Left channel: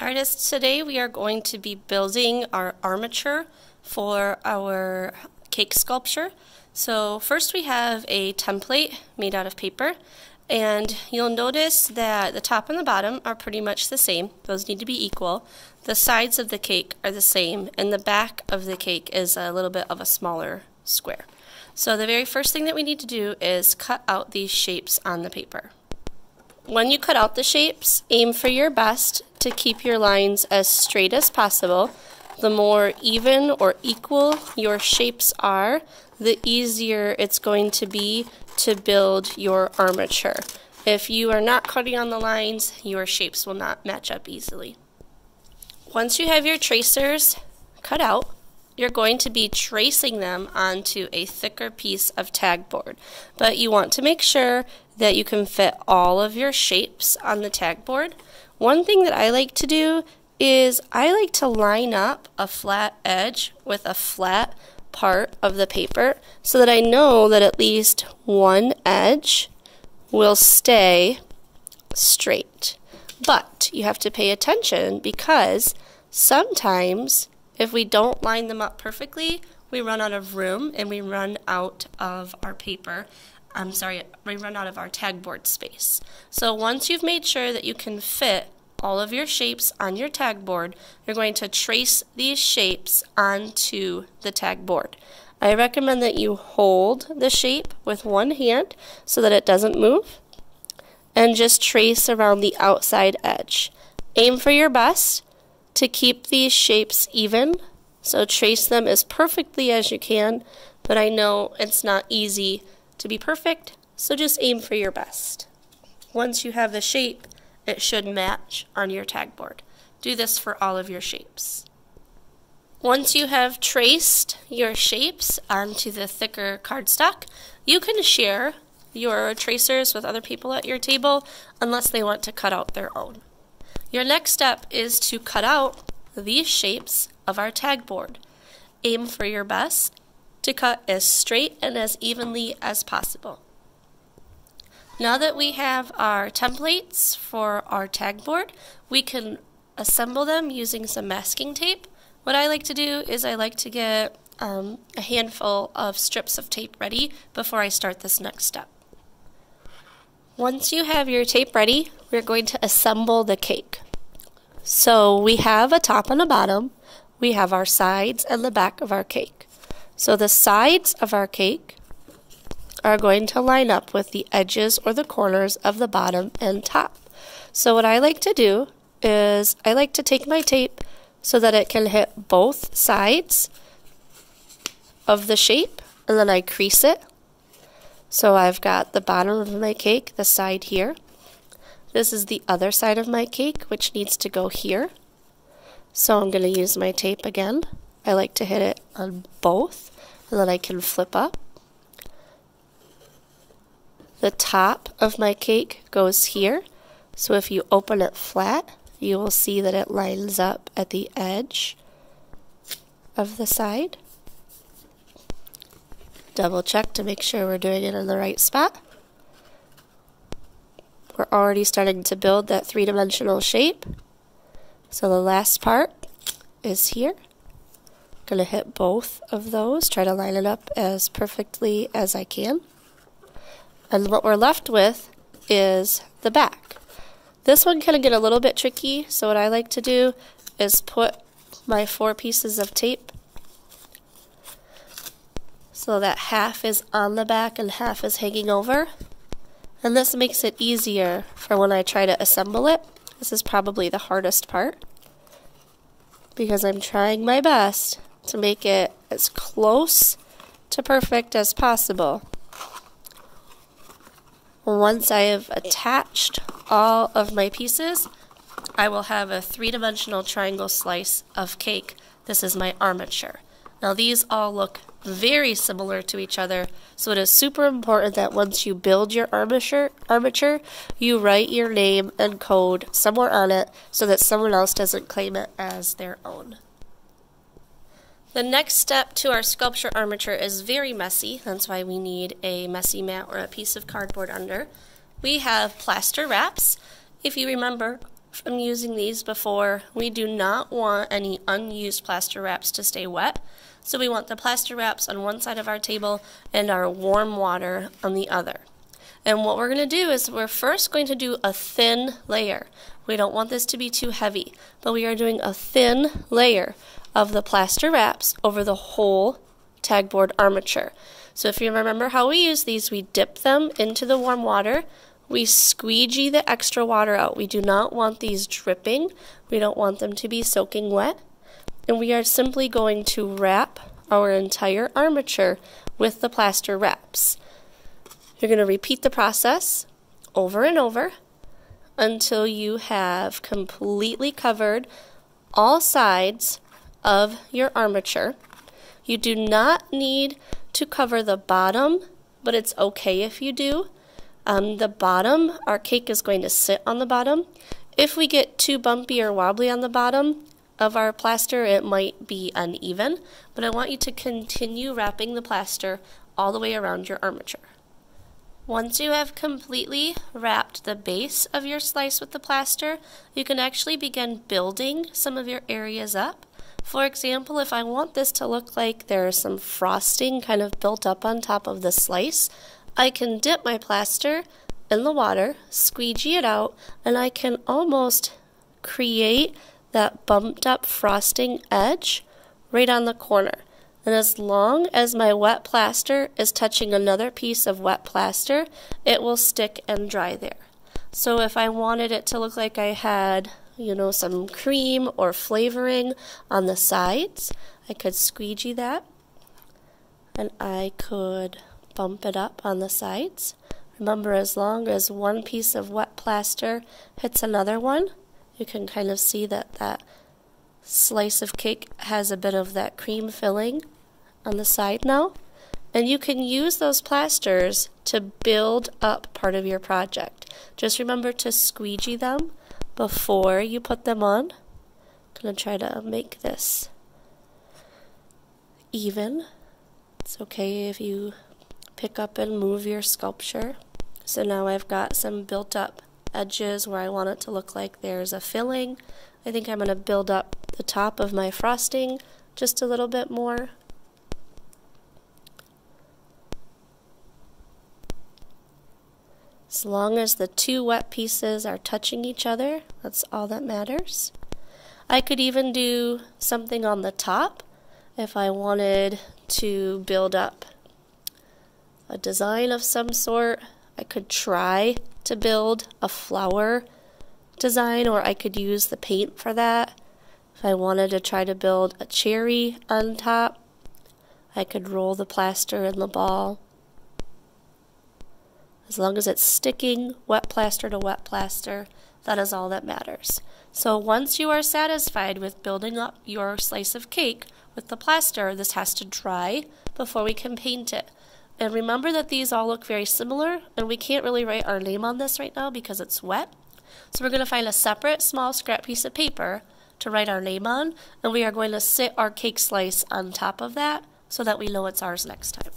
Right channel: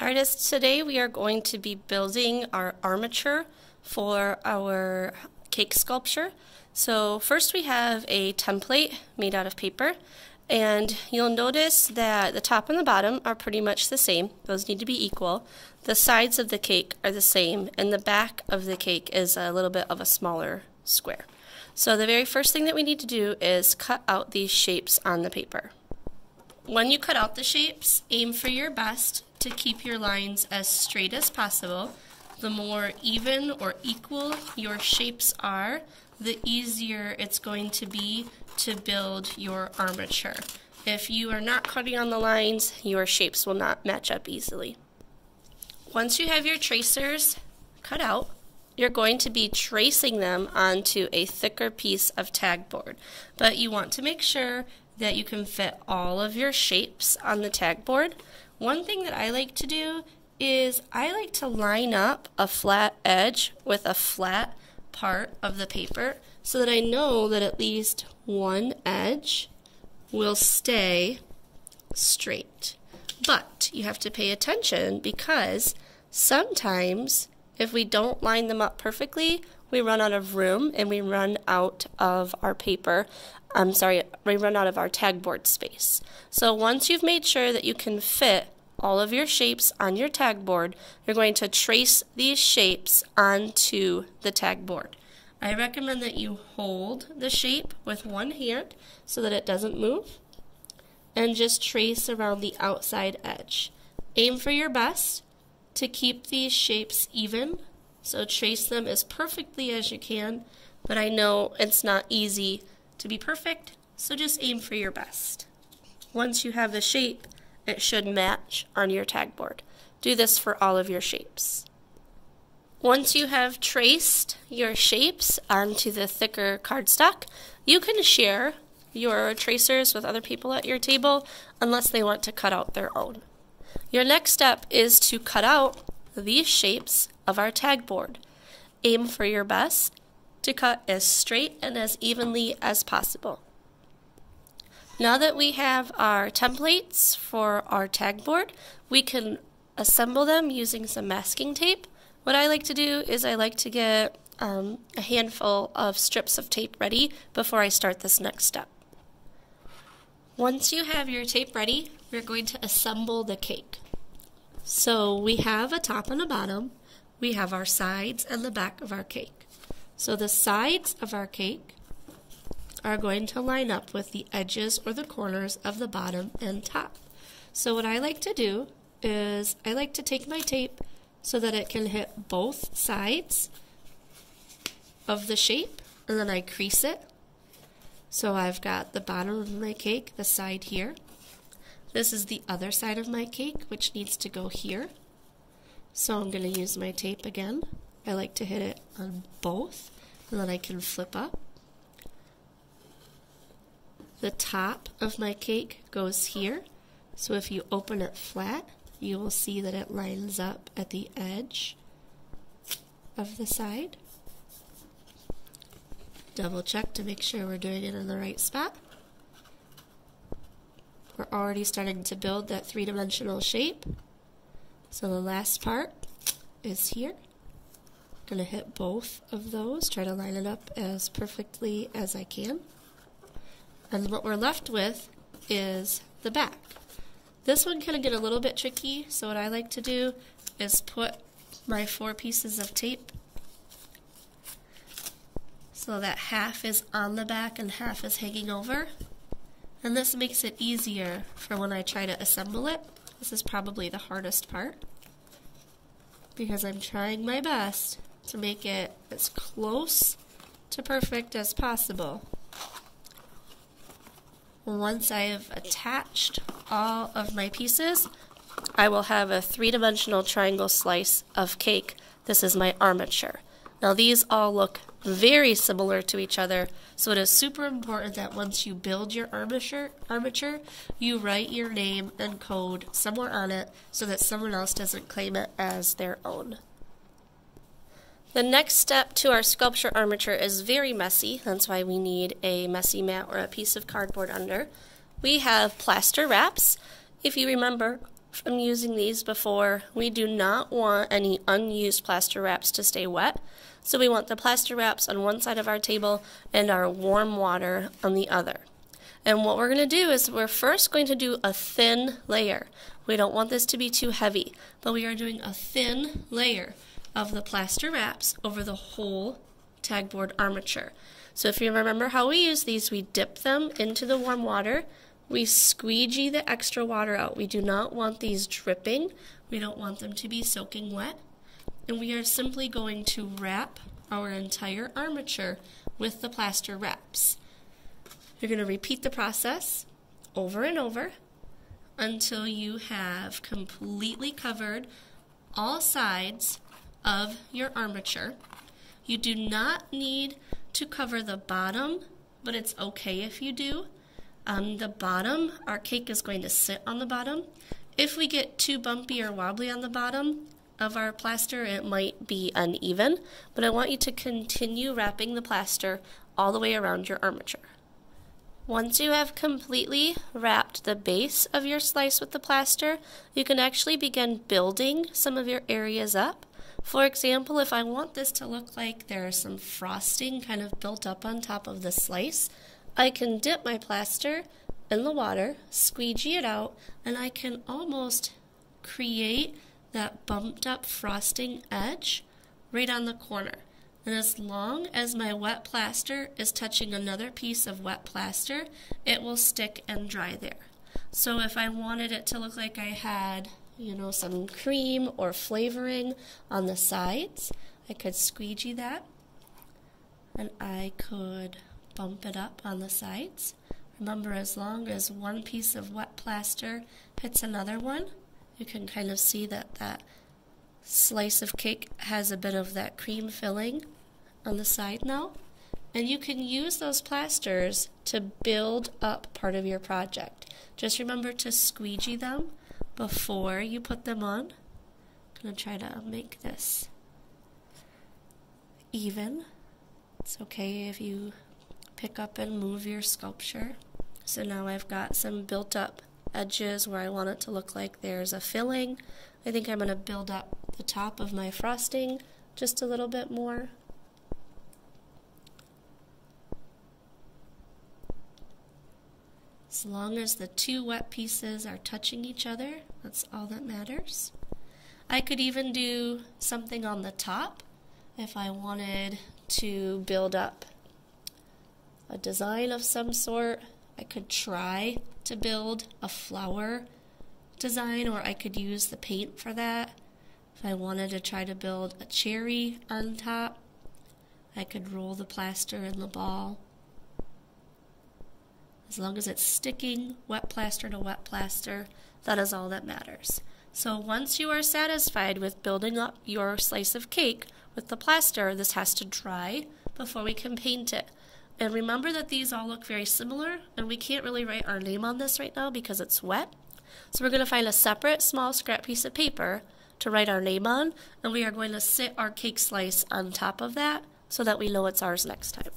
Artists, today we are going to be building our armature for our cake sculpture. So first we have a template made out of paper, and you'll notice that the top and the bottom are pretty much the same. Those need to be equal. The sides of the cake are the same, and the back of the cake is a little bit of a smaller square. So the very first thing that we need to do is cut out these shapes on the paper. When you cut out the shapes, aim for your best to keep your lines as straight as possible. The more even or equal your shapes are, the easier it's going to be to build your armature. If you are not cutting on the lines, your shapes will not match up easily. Once you have your tracers cut out, you're going to be tracing them onto a thicker piece of tag board. But you want to make sure that you can fit all of your shapes on the tag board. One thing that I like to do is I like to line up a flat edge with a flat part of the paper so that I know that at least one edge will stay straight. But you have to pay attention because sometimes if we don't line them up perfectly, we run out of room and we run out of our we run out of our tag board space. So once you've made sure that you can fit all of your shapes on your tag board, you're going to trace these shapes onto the tag board. I recommend that you hold the shape with one hand so that it doesn't move, and just trace around the outside edge. Aim for your best to keep these shapes even, so trace them as perfectly as you can, but I know it's not easy to be perfect, so just aim for your best. Once you have the shape, it should match on your tag board. Do this for all of your shapes. Once you have traced your shapes onto the thicker cardstock, you can share your tracers with other people at your table unless they want to cut out their own. Your next step is to cut out these shapes of our tag board. Aim for your best to cut as straight and as evenly as possible. Now that we have our templates for our tag board, we can assemble them using some masking tape. What I like to do is I like to get a handful of strips of tape ready before I start this next step. Once you have your tape ready, we're going to assemble the cake. So we have a top and a bottom, we have our sides and the back of our cake. So the sides of our cake are going to line up with the edges or the corners of the bottom and top. So what I like to do is I like to take my tape so that it can hit both sides of the shape, and then I crease it. So I've got the bottom of my cake, the side here. This is the other side of my cake, which needs to go here. So I'm going to use my tape again. I like to hit it on both, and then I can flip up. The top of my cake goes here, so if you open it flat, you will see that it lines up at the edge of the side. Double check to make sure we're doing it in the right spot. We're already starting to build that three-dimensional shape. So the last part is here. Going to hit both of those, try to line it up as perfectly as I can. And what we're left with is the back. This one can get a little bit tricky, so what I like to do is put my 4 pieces of tape so that half is on the back and half is hanging over. And this makes it easier for when I try to assemble it. This is probably the hardest part because I'm trying my best to make it as close to perfect as possible. Once I have attached all of my pieces, I will have a three-dimensional triangle slice of cake. This is my armature. Now these all look very similar to each other, so it is super important that once you build your armature, you write your name and code somewhere on it so that someone else doesn't claim it as their own. The next step to our sculpture armature is very messy. That's why we need a messy mat or a piece of cardboard under. We have plaster wraps. If you remember, from using these before, we do not want any unused plaster wraps to stay wet. So we want the plaster wraps on one side of our table and our warm water on the other. And what we're going to do is we're first going to do a thin layer. We don't want this to be too heavy, but we are doing a thin layer of the plaster wraps over the whole tagboard armature. So if you remember how we use these, we dip them into the warm water. We squeegee the extra water out. We do not want these dripping. We don't want them to be soaking wet. And we are simply going to wrap our entire armature with the plaster wraps. You're going to repeat the process over and over until you have completely covered all sides of your armature. You do not need to cover the bottom, but it's okay if you do. The bottom, our cake is going to sit on the bottom. If we get too bumpy or wobbly on the bottom of our plaster, it might be uneven, but I want you to continue wrapping the plaster all the way around your armature. Once you have completely wrapped the base of your slice with the plaster, you can actually begin building some of your areas up. For example, if I want this to look like there's some frosting kind of built up on top of the slice, I can dip my plaster in the water, squeegee it out, and I can almost create that bumped up frosting edge right on the corner. And as long as my wet plaster is touching another piece of wet plaster, it will stick and dry there. So if I wanted it to look like I had, some cream or flavoring on the sides, I could squeegee that, and I could bump it up on the sides. Remember, as long as one piece of wet plaster hits another one, you can kind of see that that slice of cake has a bit of that cream filling on the side now. And you can use those plasters to build up part of your project. Just remember to squeegee them before you put them on. I'm going to try to make this even. It's okay if you pick up and move your sculpture. So now I've got some built up edges where I want it to look like there's a filling. I think I'm going to build up the top of my frosting just a little bit more. As long as the two wet pieces are touching each other, that's all that matters. I could even do something on the top if I wanted to build up a design of some sort. I could try to build a flower design, or I could use the paint for that. If I wanted to try to build a cherry on top, I could roll the plaster in the ball. As long as it's sticking wet plaster to wet plaster, that is all that matters. So once you are satisfied with building up your slice of cake with the plaster, this has to dry before we can paint it. And remember that these all look very similar, and we can't really write our name on this right now because it's wet. So we're going to find a separate small scrap piece of paper to write our name on, and we are going to sit our cake slice on top of that so that we know it's ours next time.